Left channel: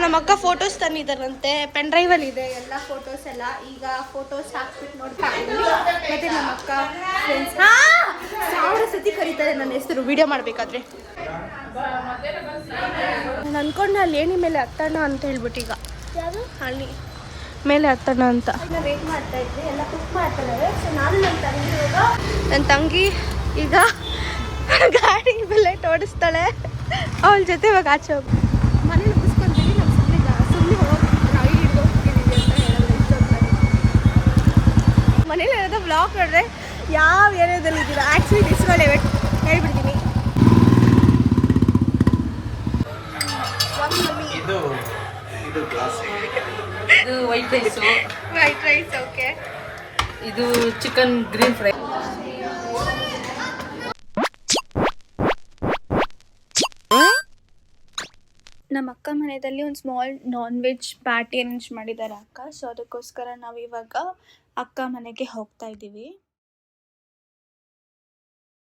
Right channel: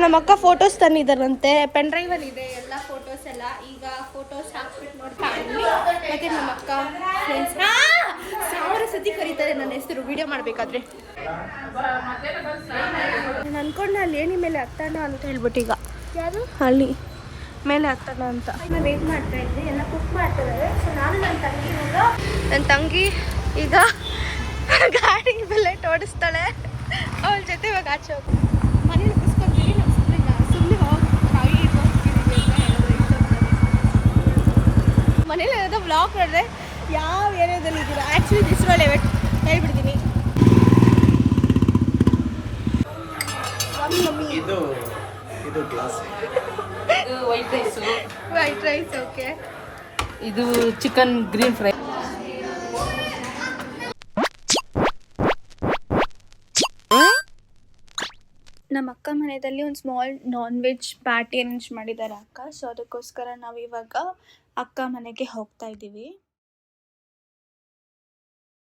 ನಮ್ಮ ಅಕ್ಕ photos ತಂದಿದ್ದಾರಂತೆ, pen drive ಅಲ್ಲಿ ಇದೆ ಎಲ್ಲ ಫೋಟೋಸ್ ಎಲ್ಲ. ಈಗ ಫೋಟೋಸ್ ಹಾಕ್ಬಿಟ್ಟು ನೋಡ್ತಾ ಇದ್ದೀನಿ. ಮತ್ತೆ ನಮ್ಮ ಅಕ್ಕ ಫ್ರೆಂಡ್ಸ್ 1000 ಸತಿ ಕರೀತಾರೆ ನನ್ನ ಹೆಸರು ವಿಡಿಯೋ ಮಾಡಬೇಕಾದ್ರೆ. ನಾನು ಅನ್ಕೊಂಡೆ ಅಲ್ಲಿ ಏಣಿ ಮೇಲೆ ಹತ್ತೋಣ ಅಂತ ಹೇಳ್ಬಿಟ್ಟು, ಈಗ ಯಾರು ಅಲ್ಲಿ ಮೇಲೆ ಹತ್ತೋಣ ಅಂತ ವೇಟ್ ಮಾಡ್ತಾ ಇದ್ವಿ. ಎಲ್ಲ ಕುಕ್ ಮಾಡ್ತಿದ್ದಾರೆ. ಸೊ ನಾನು ನನ್ನ ತಂಗಿ ಈಗ ಗಾಡಿ ಬುಲೆಟ್ ಓಡಿಸ್ತಾಳೆ. ಅವಳ ಜೊತೆ ಇವಾಗ ಆಚೆ ಹೋಗಿ ಮನೇಲಿ ಮುಗಿಸ್ಕೊಂತೀವಿ. ನಾವು ಸುಮ್ಮನೆ ಹೋಗಿ ರಾಗಿ ಹೋಗ್ತಿದ್ದೀವಿ ಅಂತ ಹೇಳಿದ್ರೆ ಮನೇಲಿ ಏನಾದ್ರು ಬ್ಲಾಗ್ ನೋಡಿದ್ರೆ ಯಾವ ಏರಿಯಾದಲ್ಲಿ ಇದ್ದೀರಾ ಆ್ಯಕ್ಚುಲಿ ದಿಸ್ರಲ್ಲಿ ಹೇಳ್ಬಿಡ್ತೀನಿ. ಇದು ವೈಟ್ ರೈಸ್ ಓಕೆ. ಇದು ಚಿಕನ್ ಗ್ರೀನ್ ಫ್ರೈ. ನಮ್ಮ ಅಕ್ಕ ಮನೆಯಲ್ಲಿ ಒಂದು small non veg party arrange ಮಾಡಿದ್ದಾರೆ ಅಕ್ಕ. ಸೊ ಅದಕ್ಕೋಸ್ಕರ ನಾವು ಇವಾಗ ಅಕ್ಕ ಮನೆಗೆ ಹೋಗ್ತಾ ಇದ್ದೀವಿ.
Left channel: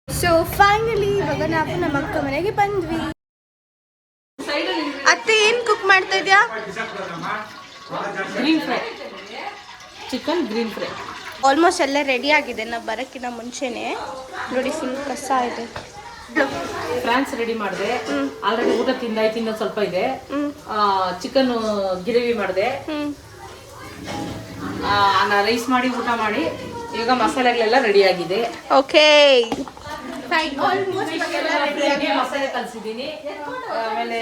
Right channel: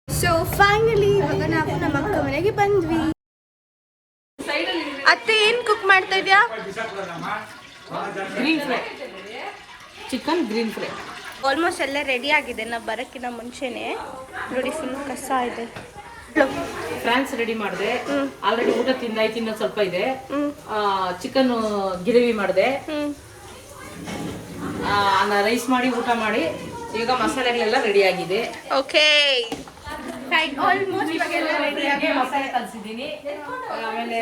ಸೊ ಫೈನಲಿ ಇವಾಗ ನಾವು ನಮ್ಮ ಅಕ್ಕ ಮನೆಗೆ ಬಂದ್ವಿ. ಅತ್ತೆ ಏನು ಕುಕ್ ಮಾಡ್ತಾ ಇದೆಯಾ? Green fry, chicken green fry. Almost ಎಲ್ಲ ರೆಡಿ ಆಗಿದೆ. ನಾವು ಬರೋಕ್ಕಿಂತ ಮುಂಚೆನೆ ನೋಡಿ ಫುಲ್ ಕಸ ಇದೆ. ಫ್ರಾನ್ಸ್ ರೆಡಿ ಮಾಡಿದೆ. ಆಲ್ರೆಡಿ ಊಟ ತಿಂದಾಯ್ತು, ಇನ್ನೊಂದು ಸ್ವಲ್ಪ ಇದೆ. ಚಿಕನ್ ಗ್ರೇವಿ ಮಾಡಿದೆ. ರೈಸ್ ಮಾಡಿ ಊಟ ಮಾಡಿ ಈಗ ಮಸಾಲೆಗಳೆಲ್ಲ ರೆಡಿ ಆಗಿದೆ. ಓಕೆ, ಮಸಾಲೆ ಕಲಿಸಿದ್ದೀನಿ. ಆಮೇಲೆ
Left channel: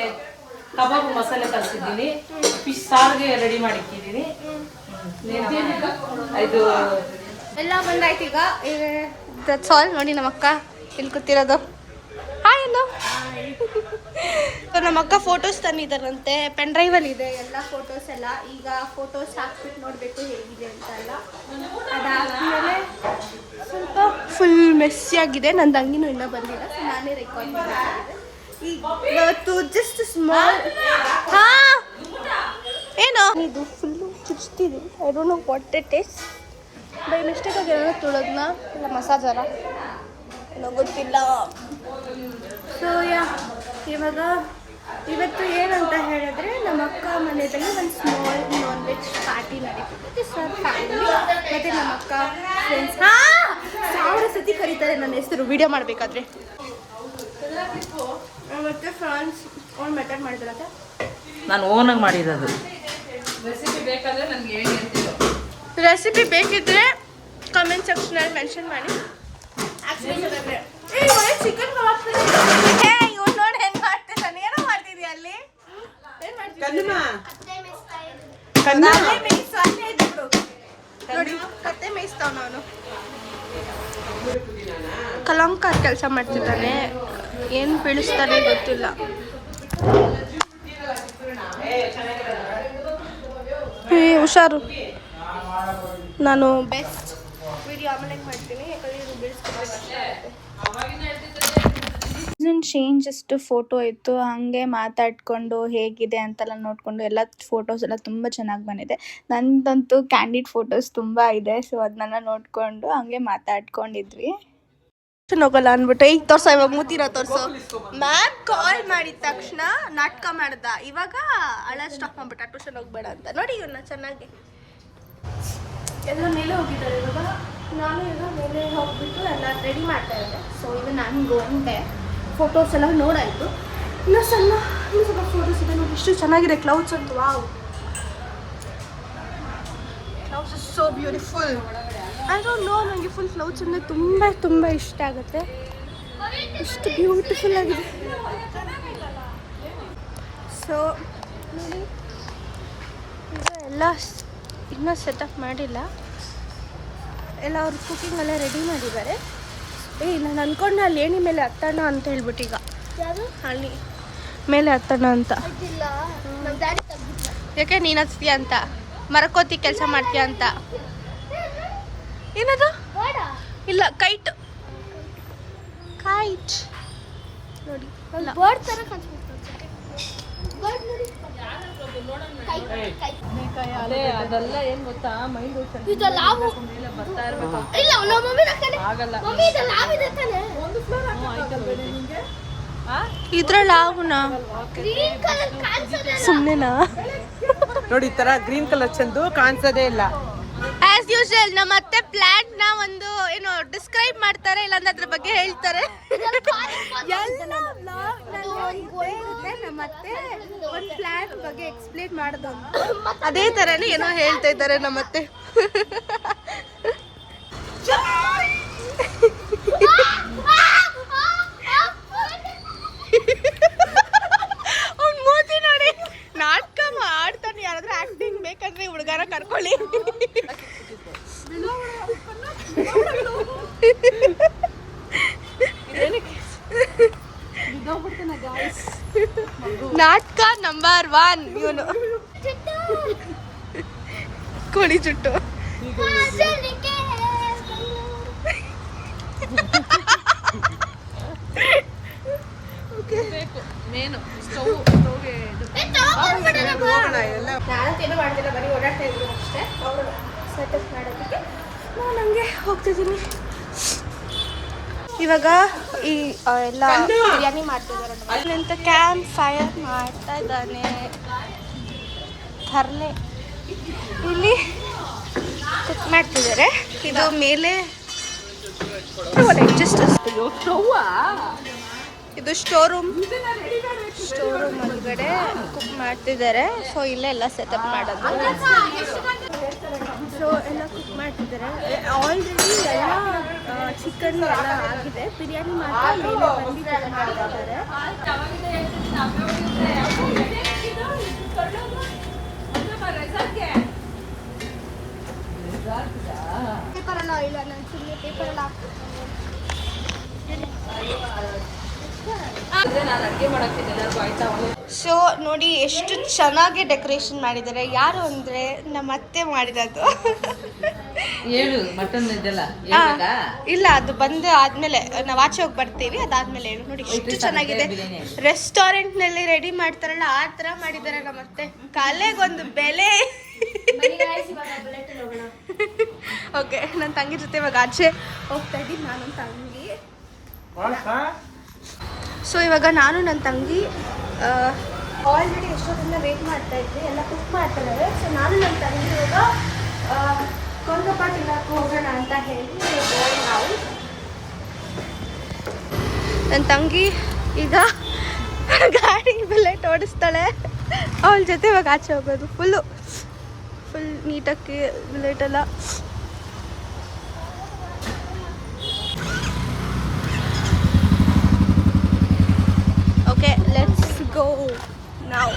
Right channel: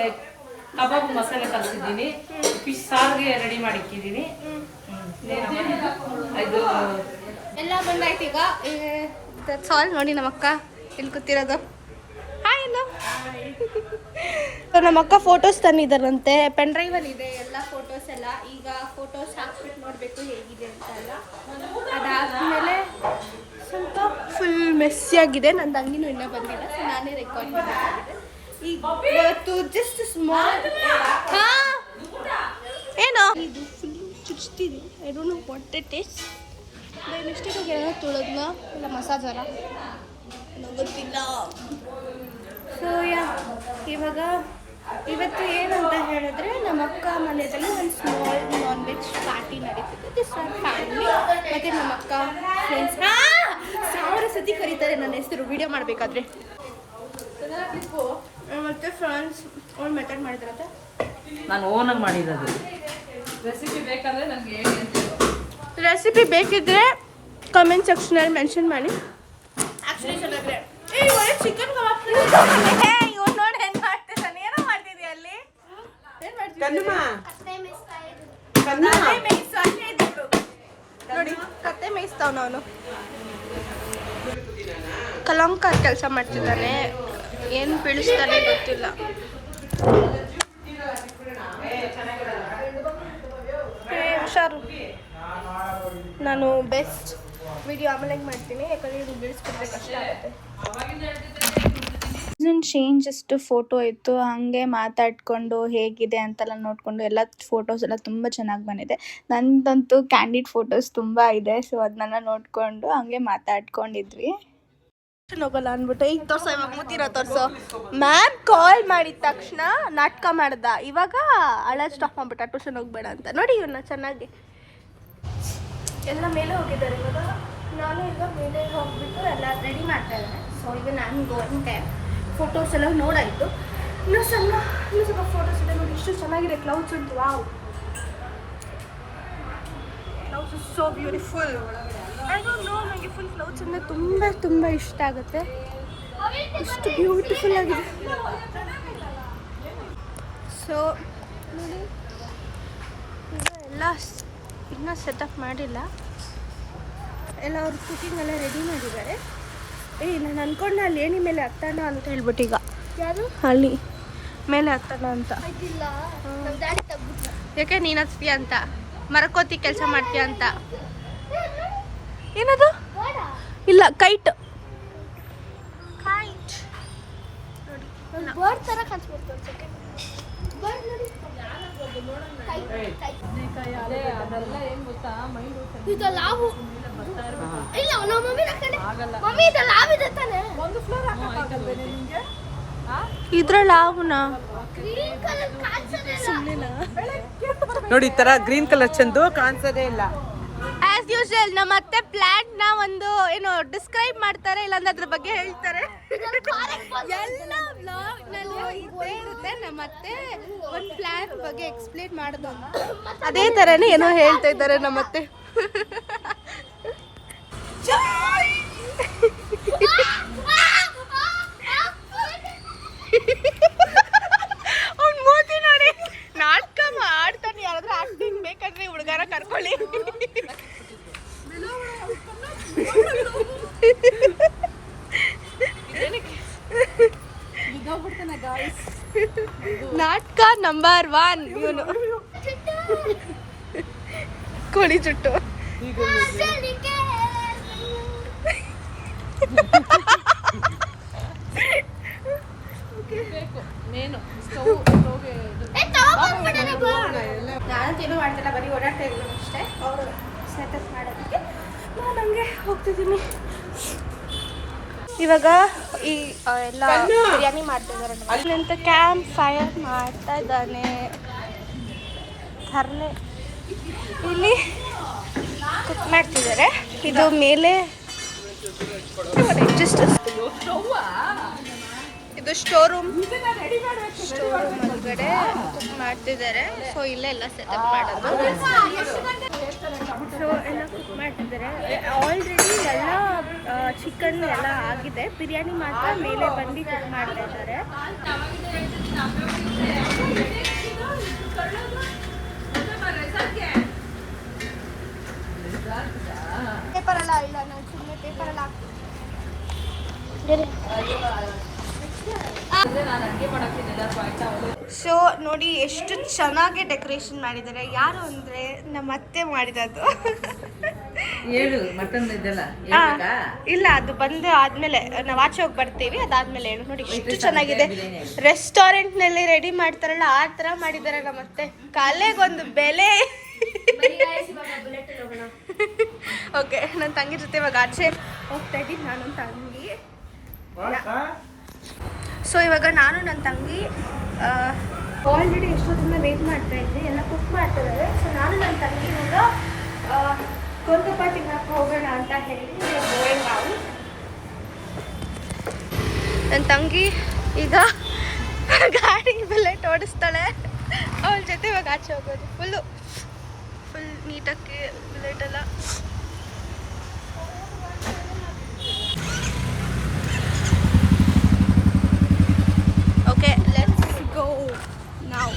ಕಬಾಬ್ ಮಸಾಲೆ ಕಲಿಸಿದ್ದೀನಿ. ಫಿಶ್ ಸಾರಿಗೆ ರೆಡಿ ಮಾಡಿಟ್ಟಿದ್ದೀನಿ. ಇದು ಎಲ್ಲ ಬಂದಾಯ್ತು. ಈಗ ಸಾಲ್ ನೋಡಿ ನಮ್ಮ ಅಕ್ಕ ಇಲ್ಲಿ ಕೂತಿರೋದು. ಹಾಯ್ ಎಲ್ಲೋ. ನಮ್ಮ ಅಕ್ಕ ಫೋಟೋಸ್ ತಂದಿದ್ದಾರಂತೆ, ಪೆನ್ ಡ್ರೈವ್ ಅಲ್ಲಿ ಇದೆ ಎಲ್ಲ ಫೋಟೋಸ್ ಎಲ್ಲ. ಈಗ ಫೋಟೋಸ್ ಹಾಕ್ಬಿಟ್ಟು ನೋಡಬೇಕು ಹೇಗಿದೆ ಅಂತ ಎಲ್ಲ. ಅದಾದ್ಮೇಲೆ ಸ್ವಲ್ಪ ಫುಲ್ ಮೆಸ್ಸಿ ಆಗಿದೆ. ನನ್ನ ತಂಗಿನೂ ಇನ್ನೂ ಬಂದಿಲ್ಲ, ಸೊ ನಾನೇ ರೆಕಾರ್ಡ್ ಮಾಡಬೇಕಾಗಿದೆ. ಈಗ ಇವತ್ತು ಜಸ್ಟ್ ಸ್ಮಾಲ್ ಏನೋ ಇದು ಫುಲ್ಲು ಚುಚ್ತಿದೆ. I don't know what it is. By ಮಿಸ್ಟೇಕಾಗಿ ಏನೋ ತುಳದ್ನ ಇಲ್ಲ ಮಸಾಜಾರ ಏನೋ ಗೊತ್ತಿಲ್ಲ. ಸೊ ಇವಾಗ ಇವತ್ತು ಏನಂತ ಹೇಳಿದ್ರೆ ನಮ್ಮ ಅಕ್ಕ ಮನೆಯಲ್ಲಿ ಒಂದು ಸ್ಮಾಲ್ ನಾನ್ ವೆಜ್ ಪಾರ್ಟಿ ನಡೀತಿದೆ. ದಿಸ್ ಆರ್ ಫ್ಯಾಮಿಲಿ ಮತ್ತು ನಮ್ಮ ಅಕ್ಕ ಫ್ರೆಂಡ್ಸ್ 1000 ಸತಿ ಕರೀತಾರೆ ನನ್ನ ಹೆಸರು ವಿಡಿಯೋ ಮಾಡಬೇಕಾದ್ರೆ. ಮತ್ತು ಫ್ರೆಂಡ್ಸ್ ಅವ್ರು ಮೆಥಡ್ ಮಾಡಿದ್ರಂತೆ, ನಾನು ಓನಾಗಿ ಮಾಡಿರೋದು. ರೆಸಿಪಿ ಬೇಕಾದರೆ ನನಗೆ ಹೇಳಿ ಅಂತ. ರೆಸಿಪಿ ಬೇಕಿದ್ರೆ ಕಮೆಂಟ್ ಸೆಕ್ಷನಲ್ಲಿ ಮೆನ್ಷನ್ ಮಾಡಿ. ಆ್ಯಕ್ಚುಲಿ ಚೆನ್ನಾಗಿದೆ. ಚಿಕನ್ ಕಬಾಬ್ ಇವ್ನು ನೋಡಿ ಹೆಂಗೆ ಮಾಡ್ತಿದ್ದಾನೆ. ಏನೋ ಮಾಡ್ತಿದ್ಯಾ ಅಲ್ಲಿ? ಏನು ಮಾಡ್ತಿದ್ದೆ ನೋಡಿ, ಕತ್ತೆ ಮೇಯಿಸ್ತಾವ. ಅವನು ಕಲಂಕಾರ್ ಕೆಲಸ ಮಾಡ್ತಿದ್ದಾನೆ. ಏನು ಬೀಳಿಸ್ತಾನೆ ಗೊತ್ತಿಲ್ಲ. ಹುಷಾರು. ನಾನು ಬೆಸ್ಟ್ ವಿಡಿಯೋ ಆಮೇಲೆ ಮಾಡ್ತೀನಿ, ಯಾಕಂದರೆ ಇದು ಬೀಳಿಸ್ಕೊಂಡ್ರೆ ಕಷ್ಟ ಆಗುತ್ತೆ. ಚೇಂಜ್ ಅಷ್ಟು ಫೋಟೋ ಇತ್ತು, ಹಾಗೆ ಮಾತಾಡ್ಕೊಂಡು ಹೇಗಿದೆ ಅಂತೆಲ್ಲ ನೋಡಿಕೊಂಡು ಎಲ್ಲ ಫೋಟೋಸ್ ಎಲ್ಲ ತುಂಬ ಚೆನ್ನಾಗಿ ಬಂದಿದೆ. ನಂದಂತೂ ಕ್ಯಾಂಡಿಡ್ ಫೋಟೋಸ್ ತುಂಬ ಇದೆ. ಸೊ ಅದನ್ನೆಲ್ಲ ನೋಡಿಕೊಂಡು ಹಂಗೆ ಮಾತಾಡ್ಕೊಂಡಿದ್ವಿ. ಹೋಗಲ್ಲ ಅಂದ್ಬಿಟ್ಟು ಈಗ ತೋರ್ಸೋ, ಇವಾಗ ಮುತ್ತಿರೋ ತೋರ್ಸೋ. ಮ್ಯಾಮ್ ಕಾಲ್ ಮಾಡಿದ ತಕ್ಷಣ ನಾಟಕ ಮಾಡ್ದ, ಇವಾಗ ಅಳೋದು ಸ್ಟಾಪ್ ಮಾಡ್ಬಿಟ್ಟ. ಟ್ಯೂಷನ್ ಹೋಗ್ಬೇಡ ಅಂತ. ನೋಡಿ ಇವನ್ನ ಚೆನ್ನಾಗಿ ಎಲ್ಲ ಮೇಲೆ ಹೋಗಿದ್ದಾರೆ. ಇವಾಗ ನಾನು ಈಗ ಮೇಲೆ ಹೋಗ್ಬಿಟ್ಟು ಎಲ್ಲ ರೆಡಿ ಮಾಡ್ತಾ ಇದ್ದಾರೆ. ಸೊ ಈಗ ನನಗೂ ಒಂದೇ ಫೋಟೋಸ್ ಎಲ್ಲ ನೋಡಾಯಿತು. ಇನ್ನೂ ಸ್ವಲ್ಪ ಫೋಟೋಸ್ ಇದೆ ನೋಡಿ. ಇಷ್ಟು ಚೆನ್ನಾಗಿದೆ ಕ್ಲೌಡ್ಸ್ ಅಂತ. Wow, clouds is so beautiful. ಆದರೂ ನನಗೆ ಫುಲ್ ಕ್ಲೌಡ್ಸ್ ಅಂದರೆ ತುಂಬ ತುಂಬ ಇಷ್ಟ ಆಗುತ್ತೆ. ಇಷ್ಟು ಬ್ಯೂಟಿಫುಲ್ ಆಗಿದೆ. ಸೊ ನೋಡಿ, ಈಗ ಎಲ್ಲ ಇನ್ನೂ ಸೆಟಪ್ ಮಾಡಿಲ್ಲ. ಎಲ್ಲ ಅವರು ಕುಕಿಂಗ್ ಎಲ್ಲ ರೆಡಿ ಮಾಡಿದ್ದಾರೆ. ನಾನು ಅಂದ್ಕೊಂಡೆ ಅಲ್ಲಿ ಏಣಿ ಮೇಲೆ ಹತ್ತೋಣ ಅಂತ ಹೇಳ್ಬಿಟ್ಟು, ಈಗ ಯಾರು ಅಲ್ಲಿ ಮೇಲೆ ಹತ್ತೋಣ ಅಂತ. ಯಾಕೆ ನೀನು ಹತ್ತೀಯ ಅಂತ? ಮರಕೋತಿ ಕೆಲಸ ಮಾಡ್ತೀಯ ಅಂತ. ಏನದು? ಇಲ್ಲ, ಕೈಟ್ ನೋಡಿ. ಅದೆಲ್ಲ ಏನು ಗೊತ್ತಾ, ಮೈಂಡ್ ಇದ್ರಲ್ಲಿ ಆಗುನ ಸುಮ್ಮನೆನಾ ನೋಡಿ ಈ ತರ ಗ್ರೀನ್ ಕಲರ್ ಚಂದು ಕಾಣಿಸೋದೇ ಇಲ್ಲ. ಆಸ್ ಯೂಶುವಲ್ ನಮ್ಮ ಅತ್ತೆ ಪ್ಲಾಂಟ್ ನ ಒಂದು ಏನು ಡಿಸ್ಕ್ರೈಬ್ ಮಾಡ್ತಾರೆ, ಇಲ್ಲಾಂದ್ರೆ ಅದ್ರ ಬಗ್ಗೆ ಹೇಳ್ತಾರೆ. ಎಲ್ಲ ವ್ಲಾಗ್ ನಲ್ಲಿ ಇದ್ದೇ ಇರುತ್ತೆ ನಮ್ಮ ಅತ್ತೆ ಒಂದು ಪ್ಲಾಂಟ್ ಬಗ್ಗೆ ಎಕ್ಸ್ಪ್ಲೇನ್ ಮಾಡೋದು ಅಂತ. ಅದೇ ತರನೇ ಏನೋ ಹೇಳ್ತಾ ಇದ್ದಾರೆ ನಮ್ಮ ಅತ್ತೆ. ಅವ್ನ್ ಮೂತಿ ನೋಡಿ, ನಾಟಕ ಆಡ್ತಾನೆ. ಯಾರಾದ್ರೂ ಆಕ್ಟಿಂಗ್ ಬೇಕಂದ್ರೆ ಹುಡುಗರ ಕರ್ಕೊಳ್ಳಿ. ನಾಟಕ ನಂಬರ್ 1 ಇವನು. ಕೋಳಿ ಜುಟ್ಟು. ನಾನಂತೇನು ಮಾಡ್ತಿಲ್ಲ, ಬರೀ ಓಡಾಡ್ತಾ ಇದ್ರು ಅಷ್ಟೇ. ಅವರು ಸೆಟಪ್ ಮಾಡೋದಕ್ಕೆ ನಾನು ಹಂಗೆ ಹೋಗ್ತಿದ್ದೀನಿ. ಇವಾಗ ಈ ಎಲ್ಲ ಬಿರಿಯಾನಿ ಮಾಡ್ತಿದ್ದಾರೆ. ಅಲ್ಲಂತ ಕ್ಯಾಂಪ್ ಫೈರ್ ಮಾಡ್ತಾ ಇದ್ದಾನೆ. ತರಲೆ ಇಲ್ಲಿ ಕುಕ್ ಮಾಡ್ತಿದ್ದಾರೆ. ಇದು ಮೇಲೆ ಇದು ಸ್ಟೋರ್ ರೂಮ್ ಒಳಗಡೆ ಕುಕ್ ಮಾಡ್ತಿದ್ದಾರೆ. ಸೊ ಇಲ್ಲೇ ಎಲ್ಲ ಸೆಟಪ್ ಮಾಡೋದು. ಸೊ ಎಲ್ಲ ಕುಕ್ ಮಾಡ್ತಿದ್ದಾರೆ. ಆಲ್ರೆಡಿ ಎಲ್ಲ ಚಿಕನ್ ಎಲ್ಲ ಆಗಿದೆ, ಬಿರಿಯಾನಿ ಮಾತ್ರ ಮೇಲೆ ಬಂದು ಕುಕ್ ಮಾಡ್ತಾ ಇದ್ದಾರೆ. ಪೇಪರ್ ಎಲ್ಲ ಇಲ್ಲ, ನಾನು ಸುಮ್ಮನೆ ಪೇಪರ್ ಎಲ್ಲ ಸೊ ನೋಡಿ ಎಷ್ಟು ಚೆನ್ನಾಗಿ ಡೆಕೋರೇಷನ್ ಮಾಡಿದ್ದಾರೆ. ಯಾರು ಅಂದ್ರೆ ನಮ್ಮ ಅತ್ತೆ ಮಾಡಿರೋದು. ಇಲ್ಲ, ಅದು ಬಂದು ಆದ್ಮೇಲೆ ನಾವು ಆಚೆ ಹೋಗಿ ಬರ್ತೀವಿ, ಅದಾದ್ಮೇಲೆ ಹೇಳು. ನೋಡಿ ಎಷ್ಟು ಚೆನ್ನಾಗಿದೆ. ರೆಸ್ಟೋರೆಂಟ್ ನಲ್ಲಿ ರೆಡಿ ಮಾಡ್ತಾರಲ್ಲ ಆ ತರ ಮಾಡಿದ್ದಾರೆ ನಮ್ಮ ಅತ್ತೆ. ಕಲೆಗೊಂದು ಬೆಲೆ. ಓಕೆ, ನನ್ನ ತಂಗಿ ಜೊತೆ ಇವಾಗ ಆಚೆ ಹೋಗ್ತಾ ಇದ್ದೀನಿ. ನಾನು ನನ್ನ ತಂಗಿ. ಸೊ ಇವಾಗ ನಾನು ನನ್ನ ತಂಗಿ ಆಲ್ರೆಡಿ ಎಷ್ಟೊತ್ತಿಂದ ವೇಟ್ ಮಾಡ್ತಾ ಇದ್ವಿ. ಎಲ್ಲ ಕುಕ್ ಮಾಡ್ತಾ ಇದ್ದಾರೆ. ಸೊ ನಾನು ನನ್ನ ತಂಗಿ ಇವಾಗ ಗೋಲ್ಗಪ್ಪ ತಿನ್ನಕ್ಕೆ ಹೋಗೋಣ ಅಂತ ಹೇಳಿ ನಾವು. ನನ್ನ ತಂಗಿ ಈಗ ಗಾಡಿ ಬುಲೆಟ್ ಓಡಿಸ್ತಾಳೆ. ಅವಳ ಜೊತೆ ಇವಾಗ ಆಚೆ ಹೋಗೋದು. ಫುಲ್ ನೀಟಾಗಿ ಬುಲೆಟ್ ಎಲ್ಲ. Okay, let's go now.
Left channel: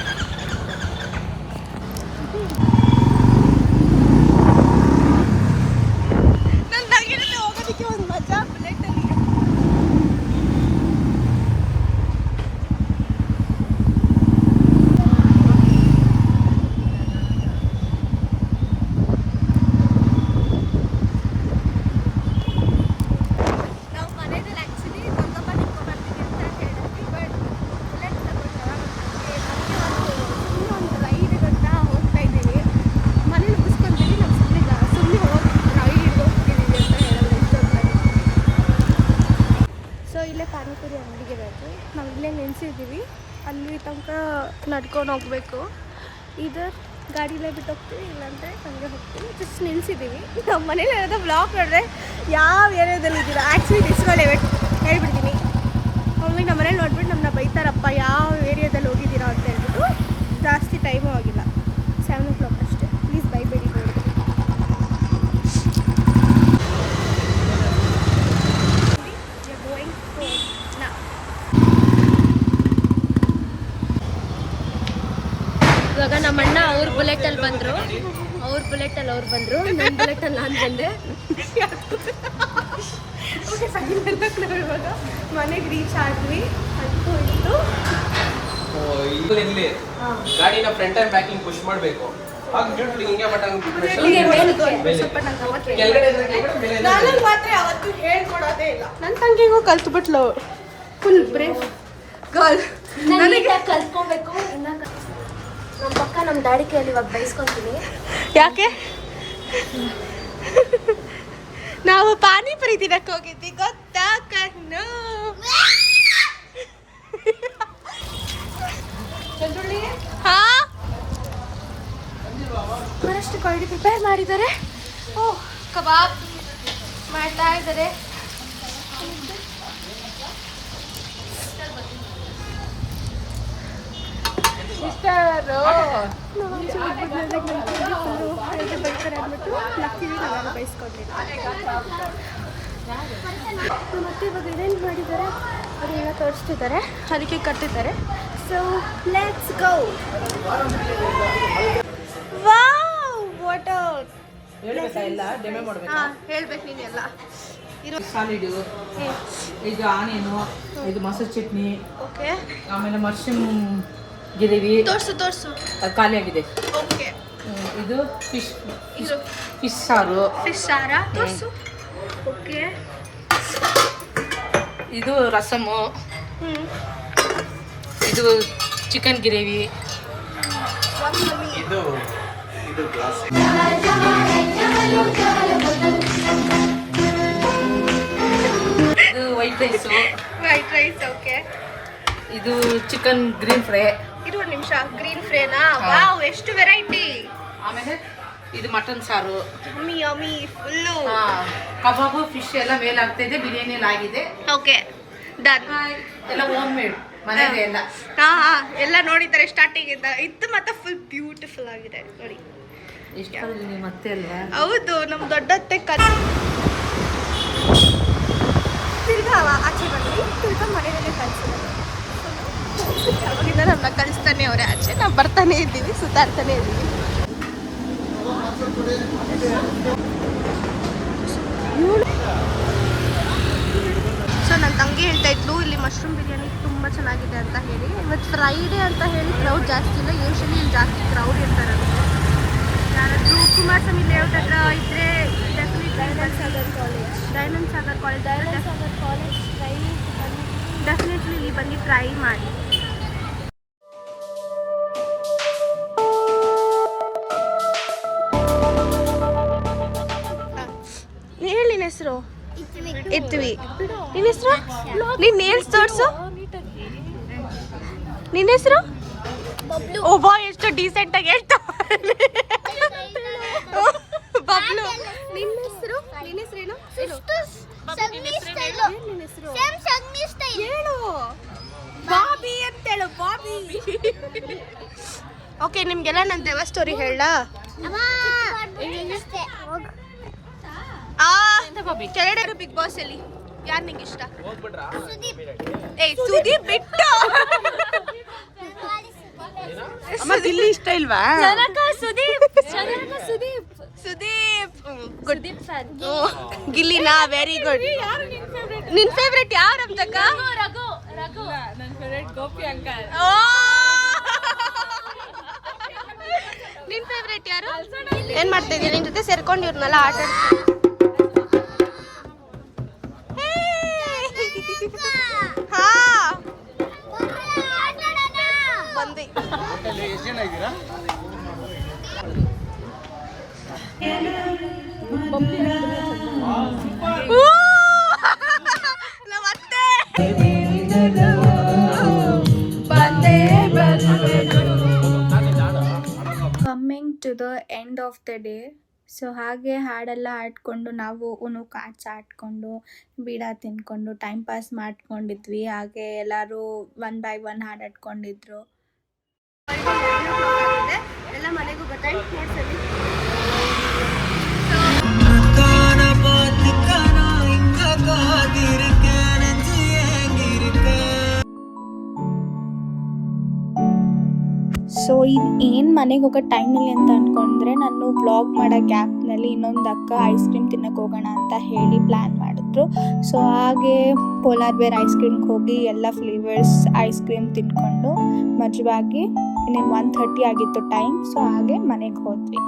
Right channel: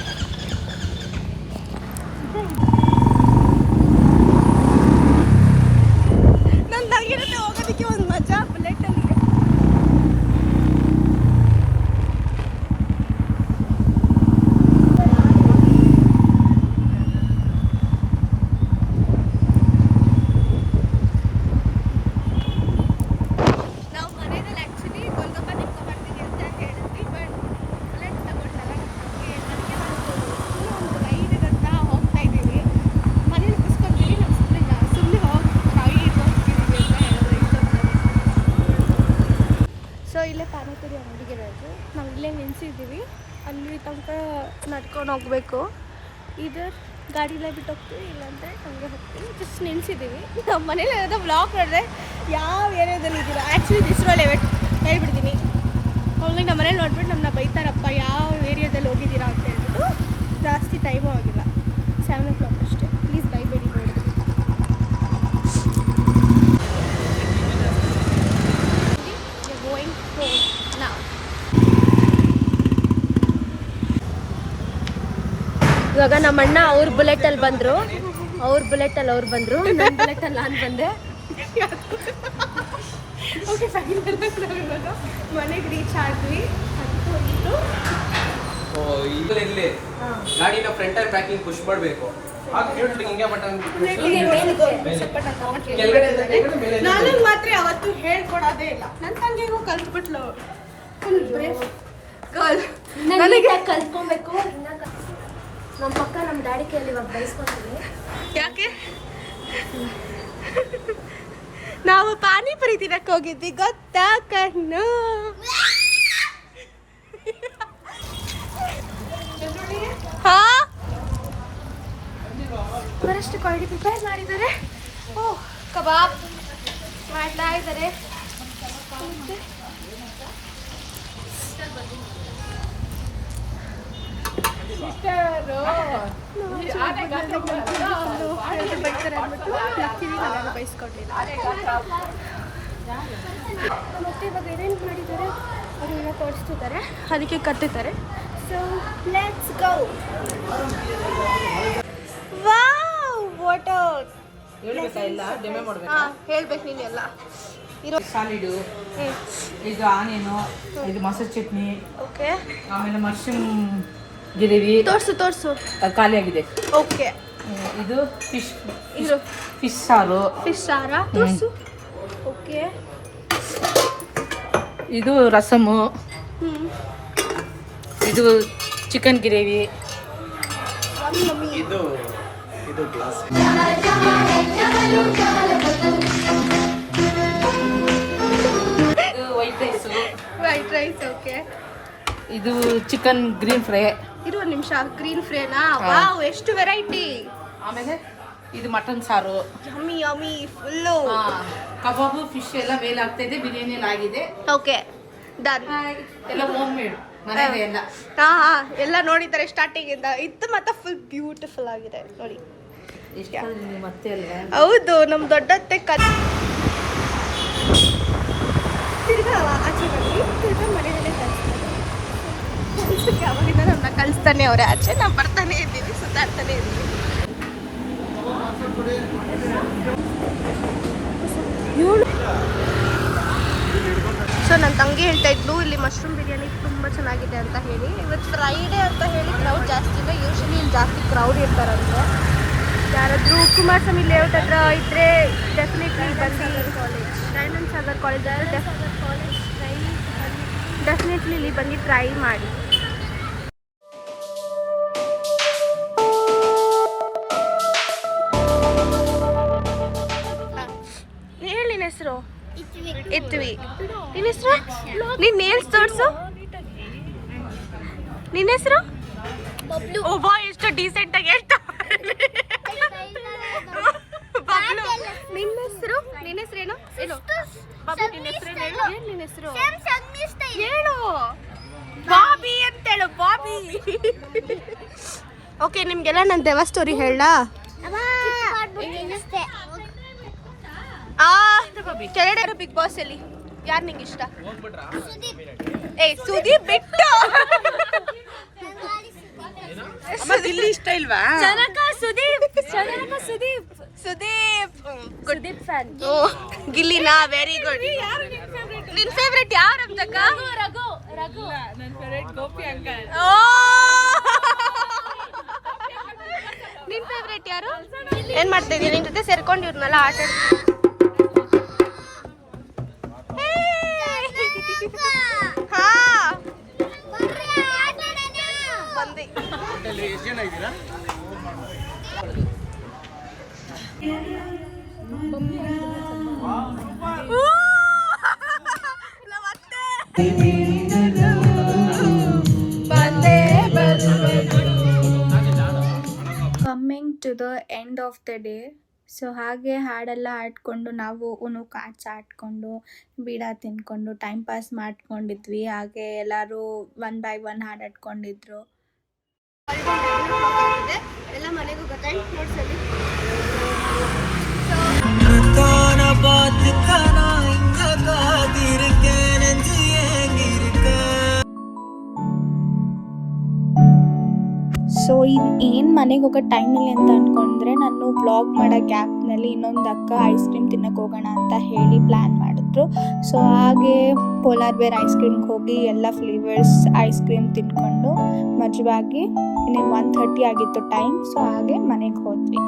ಇಲ್ಲೇ ಪಾನಿಪುರಿ ಅಂಗಡಿಗೆ ಇರೋದು. ನಾವು ಇಲ್ಲೇ ನಿಲ್ಸಿದ್ದೀವಿ. ಅಲ್ಲಿ ತನಕ ನಡ್ಕೊಂಡು ಹೋಗಬೇಕು. ಇದರ್ ಗಾಡಿಲೇ ಬಿಟ್ಟು ಹೋಗ್ತೀವಿ, ಇಲ್ಲಾಂದರೆ ಹಂಗೆ ಹೋಗ್ತೀವಿ. ಜಸ್ಟ್ ನಿಲ್ಸಿದ್ದೀವಿ. ನಮ್ಮ ಮನೇಲಿ ಇರೋದು ಬ್ಲಾಗ್ ನೋಡಿದ್ರೆ ಯಾವ ಏರಿಯಾದಲ್ಲಿ ಇದ್ದೀರಾ. ಆ್ಯಕ್ಚುಲಿ ದಿಸ್ರೋಲ್ ಹೇಳ್ಬಿಡ್ತೀನಿ. ಅವ್ರಿಗೆ ನಮ್ಮ ಮನೇಲಿ ನೋಡ್ಬಿಟ್ಟು ನಮ್ಮನ್ನ ಬೈತಾರಪ್ಪ, ಯಾವ ಏರಿಯಾದಲ್ಲಿ ಹೋಗಿದ್ದೀರಾ ಅಂತ ಹೇಳ್ಬಿಟ್ಟು. ಜಾಸ್ತಿ ಟೈಮು ಆಗಿಲ್ಲ, 7 o'clock ಅಷ್ಟೇ. ಪ್ಲೀಸ್ ಬೈಬೇಡಿ ನೋಡಿದ್ರಿ. ಇವಾಗ ನಮ್ಮ ಅಣ್ಣ ಅವ್ರ ಬುಲೆಟಲ್ಲಿ ಬಂದರು. ನನ್ನ ಬುಲೆಟಲ್ಲಿ ನಾನು ಬಂದೆ. ಓಕೆ, ನಾವು ಇವಾಗ ಮನೆಗೆ ರೀಚ್ ಆದ್ವಿ. ಅಂತೂ ಇತ್ತು ಗಾಡಿನ ಫ್ರಂಟ್ ಅಂಡ್ ಬ್ಯಾಕಿಂಗ್ ಪುಷ್ ಮಾಡಬೇಕು. ನನಗೆ ಮಾತ್ರ ಯಾವತ್ತೂ ಹೇಳ್ಕೊಡೋದೇ ಇಲ್ಲ. ನನ್ನ ತಂಗಿಗೂ ಕಲ್ತ್ಬಿಟ್ಲು. Full brave girl. ನನಗೆ ಕಲ್ತ್ಕೊಬೇಕು. ನಮ್ಮ ಪಕ್ಕ ನಮ್ಮ ಡ್ಯಾಡಿ ಕೈಯಲ್ಲಿ ಇವಾಗ ಬೈಸ್ಕೊತೀನಿ. ಯಾಕೆ? ನಾವು ಪಾನಿಪುರಿ ತಿನ್ನಕ್ಕೆ ಹೋಗಿದ್ವಿ, ಗೊತ್ತಾ ಕಣ್ಣು? ಹಾ ಬರಷ್ಟು ಕ್ವಾಲಿಟಿ ಪ್ರಿಪೇರ್ ಮಾಡಿದ್ದಾರೆ. ಓಹ್ ಕಬಾಬ್ ಮಾಡ್ತಾ ಇದ್ದಾರೆ. ಬೈತಾರೆ ಅಂದ್ಬಿಟ್ಟು ಲಕ್ಕಿವಿ ನಾವೆಲ್ಲ ಬೈಸ್ಕೊಂಡಿಲ್ಲ. ಮತ್ತೆ ಇವಾಗ ಏನೇನು ಮಾಡಿದ್ದಾರೆ ಅದನ್ನೆಲ್ಲ ತೋರಿಸ್ತಿದ್ದಾರೆ, ಅದಕ್ಕೆ ಕಟ್ಟಿದ್ದಾರೆ. So let's go. Wow what ಹೇಳ್ಬೇಕು ನೀನು ಎಲ್ಲ ಇರೋ ಸಾಲಿಡು, ಇದು ಆನಿಯನು, ಇದು ಮೊಸರು ಚಟ್ನಿ, ಓಕೆ ಆಮೇಲೆ ಮಶ್ರೂಮ್ ಗಿರೇವಿ ತೋರಿಸು ಖಾಲಿ ಆಗಿದೆ. ಓಕೆ ಇದು ಫಿಶ್ ಇದು ಫಿಶ್ ಸಾರು, ಫಿಶ್ ಸಾರಾ ತೋರಿಸು. ಓಕೆ ಇದು ರಸಮು, ಇದು ಚಿಕನ್ ಗ್ರೇವಿ, ಇದು ಗ್ಲಾಸ್ ಇದು ವೈಟ್ ರೈಸ್, ಓಕೆ ಇದು ಚಿಕನ್ ಗ್ರೀನ್ ಫ್ರೈ, ಇದು ಒಂದು ನಿಮಿಷ ಗ್ರೀನ್ ಫ್ರೇನಾ. ವಾವ್ ಎಷ್ಟು ವೆರೈಟಿ. ಆಮೇಲೆ ಇದು ಮಟನ್ ಸಾರು, ಯಮ್ಮಿ ಯಮ್ಮಿ ಫುಲ್ಲು. ಕಬಾಬು ಫಿಶ್ ಎಲ್ಲ ಮೇಲೆ ಆಗ್ತಾ ಇದೆ, ಬಿರಿಯಾನಿ ಎಲ್ಲ ಆಗಿದೆ. Okay done. ಎಲ್ಲ ಹೋಮ್ ಮೇಡ್ ಮನೇಲಿ ಎಲ್ಲ. ಹಾ ಎಲ್ಲ ನೋಡಿದ್ದಾರೆ ಸ್ಟಾರ್ಟಿಂಗ್ ಇಂದ. ಇದು ಮತ್ತೆ ಫುಲ್ ಬ್ಯೂಟಿಫುಲ್ ಆಗಿದೆ ನೋಡಿ. ಮತ್ತೆ ಅಲ್ವಾ ಹೌದು ನಮ್ಮ ದೊಡ್ಡತ್ತೆ ತಿರ್ಗಾ ಆಚೆ ಬನ್ನಿ, ತಿರ್ಗಾ ಮನೆಯಲ್ಲೇ ಕಳಿಸಿರೋದು. ಅವಾಗಿಂದ ನಮ್ಮನ್ನ ಕಳಿಸ್ತಾನೆ ಅವರೇ ಆಚೆ, ನಾವು ಬರ್ತಾನೆ ಇದ್ದೀವಿ, ಸುತ್ತಾಡ್ತಾನೆ ಇದ್ದೀವಿ. ಸೊ ನನ್ನ ತಂಗಿ ಹೇಳ್ತಾ ಇದ್ಲು ಇಲ್ಲಿ ಮಶ್ರೂಮ್ ಬಿರಿಯಾನಿ ತುಂಬ ಚೆನ್ನಾಗಿದೆ ಅಂತ ಹೇಳಿ. ಇವತ್ತು ಫ್ರೈಡೇ ಅಂತ ಹೇಳಿ ಕ್ರೌಡ್ ಜಾಸ್ತಿ ಇದೆ. ಯೂಶಲಿ ಜಾಸ್ತಿ ಕ್ರೌಡ್ ಇರ್ತಾರಂತೆ. ಯಾರಾದರೂ ಕುಮಾರಸ್ವಾಮಿ ಲೇಔಟ್ ಹತ್ರ ಇದ್ದರೆ definitely diamond Sagar college definitely ಇಲ್ಲಿ ಬಂದು ಟ್ರೈ ಮಾಡಿ. ಹೇಳಿ ನಿನ್ನ ಹೆಸರು? ಇತ್ವಿ. ನಿನ್ನ ಹೆಸರು? ನಿನ್ನ ನೇಲ್ಸ್ ತೋರಿಸು. ನಿನ್ನ ಹೆಸರು? ಒಬ್ಬ ಎಷ್ಟು ಡೀಸೆಂಟ್ ಆಗಿ ಹೇಳ್ತಾ ಬಬ್ಲು. ನಿನ್ನ ಹೆಸರು? ನಿನ್ನ ಹೆಸರೇನು? ಏನು ನಿನ್ನ ಹೆಸರು? ಹೇಳು. ಬಾಬಿ ಅಂತೇಳು, ಬಾಬಿ. ಓಕೆ ನಿಮ್ಗೆಲ್ಲ ನನ್ನ ದೇವ ಸ್ಟೋರಿ ಹೇಳ. ಕೆಳಗಡೆ ಬಿಗ್ ಬಾಸ್ ಅಲ್ಲಿ ಯಾರು ನಿಂಗೆ ಇಷ್ಟ? ಸುದೀಪ್ ಬಿಟ್ಟು ಇಷ್ಟ ಇಲ್ವಾ? ಸುದೀಪ್ ಗುಡ್ ಗಿಲ್ಲಿನಾ? Very good. ನಿನ್ ಫೇವ್ರೆಟ್ ಯಾರು ಅಂತಕ್ಕ? ನನ್ನ ಫೇವ್ರೆಟ್ ಗೋಪಿ ಅಂಕಲ್. ನಿನ್ ಫೇವ್ರೆಟ್ ಯಾರು? ಏನ್ ಮಾಡ್ತಾ ಇದೀಯ? ನಿನ್ ಜೊತೆ ಸೇರ್ಕೊಂಡು ಇವ್ರನ್ನೆಲ್ಲ ಆಟ ಹಾ ಬಂದಿ. Coming to the end of the day. So ಹಾಗೆ ಹಾಡೆಲ್ಲ ಆಡ್ಕೊಂಡು ನಾವು ಉನು ಕಾರ್ಡ್ಸ್ ಆಡ್ಕೊಂಡು ಬೀಡ ತಿನ್ಕೊಂಡು ಟೈಮ್ ಪಾಸ್ ಮಾಡ್ಕೊಂಡಿದ್ವಿ. ಹಾಗೆ ಎಲ್ಲರೂ 1 by 1 ಹಾಡು ಆಡ್ಕೊಂಡಿದ್ರು. ಎಲ್ಲ ಮನೆಗೂ ಟೈಮ್ ನೋಡ್ಸಲಿ. ಸೊ ಏನು ಮನೆಗೆ ಹೋಗೋ ಟೈಮಲ್ಲಿ ಅಂತ ಅಂದ್ಕೊಂಡ್ರೆ, ನಾನು ವ್ಲಾಗ್ ಮಾಡೋ ಗ್ಯಾಪ್ನಲ್ಲಿ ಇನ್ನೊಂದು ಅಕ್ಕ ಐಸ್ ಕ್ರೀಮ್ ತಿನ್ನೋಕೆ ಹೋಗೋಣ ಅಂತ ಹೇಳಿ ಪ್ಲ್ಯಾನ್ ಮಾಡಿದ್ರು. ಸೊ ಹಾಗೆ ಪೋಲಾರ್ ಬೇರ್ ಐಸ್ ಕ್ರೀಮ್ಗೆ ಹೋಗಿ ಎಲ್ಲ ಫ್ಲೇವರ್ಸ್ ಐಸ್ ಕ್ರೀಮ್ ತಿನ್ಕೊಂಡು ಮಜವಾಗಿ ಇನ್ನೇನು 1:30 ಆಗಿತ್ತು ಟೈಮ್. ಸೊ ಹಾಗೆ ಮನೆಗೆ ಹೋದ್ವಿ.